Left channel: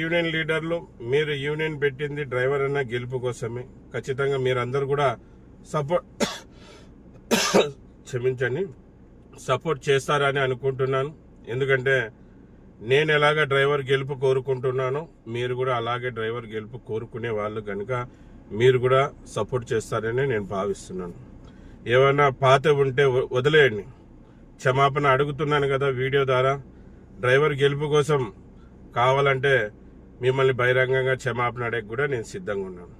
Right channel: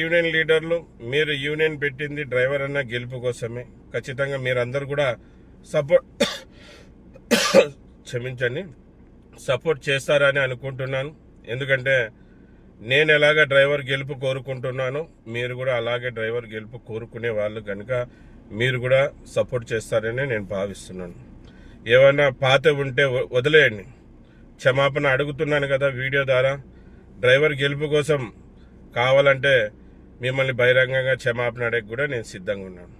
Union లీడర్లు, మీరు union పెట్టింది డ్రైవర్ అన్న గెలుపు కోసమే. ఖచ్చితంగా మీరందరూ కూడా క్షమించండి, సపోర్ట్ చేస్తారని అనుకుంటున్నాను. ఎందుకంటే నేను ఎలాగ డ్రైవర్ గెలుపు కోరుకుంటున్నానో మీరు కూడా అలాగే డ్రైవర్ గెలుపు కోరుకునే వాళ్ళు కనుక మీరు కూడా సపోర్ట్ చేస్తారని నేను భావిస్తున్నాను. ఏమైనా పాత ఉంటే వదిలేయండి, క్షమాపణ అడుగుతున్నాను కదా వీడియో ద్వారా. డ్రైవర్ గెలుపు కోసం కావాలంటే మిమ్మల్ని బహిరంగంగా క్షమాపణ అడగ కూడా నేను సిద్ధంగా ఉన్నాను.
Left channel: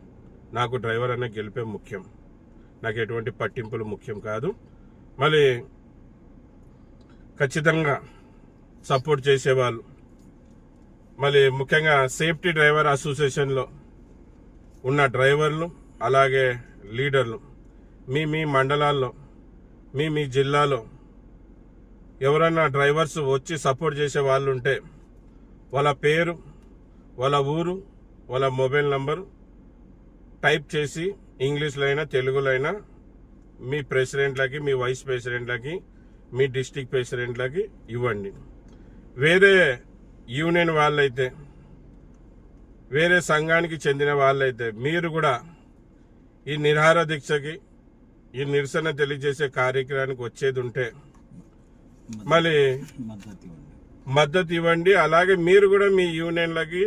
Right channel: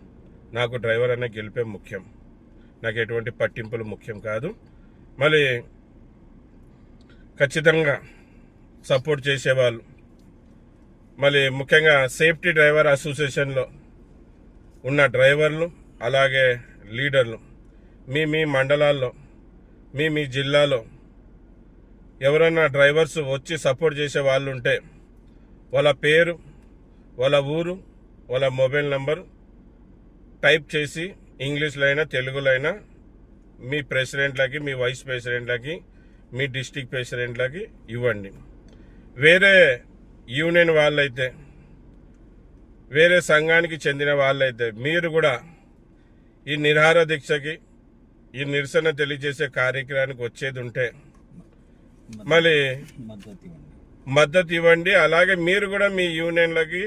నాకు డ్రైవర్ అనే గెలిపే ముఖ్యం, నాకు ఎటువంటి పట్టింపులు ముఖ్యం కాదు. మళ్ళీ ఖచ్చితంగా సపోర్ట్ చేసేవాళ్ళు, మళ్ళీ ముఖ్యంగా సేఫ్టీ డ్రైవర్ అసోసియేషన్లో ఉన్న డ్రైవర్లు అలాగే లీడర్లు, మీ మండలాల్లో మీ జిల్లాలో ఎవరన్నా డ్రైవర్స్ వచ్చి సపోర్ట్ చేసే వాళ్ళు ఉంటే వాళ్ళ పేరు, వాళ్ళ ఊరు, వాళ్ళ మొబైల్ నంబరు టైప్ చేసి ఇంగ్లీష్లో అయినా తెలుగులో అయినా మీ ప్రెసిడెంట్లకి, మీ వైస్ ప్రెసిడెంట్లకి, మీ డిస్టిక్ ప్రెసిడెంట్లకి ఇవ్వండి. వేరే యూనియన్ వాళ్ళైతే, వేరే సంఘానికి చెందిన వాళ్ళైతే మీరు కూడా ఈ నిరాహార దీక్షకి, ఈ నిరసన తెలియజేసే కార్యక్రమానికి వచ్చేది ఉంటే మళ్ళీ మద్దతు ఇవ్వండి. అలాగే మీరు కూడా మీ యూనియన్లకి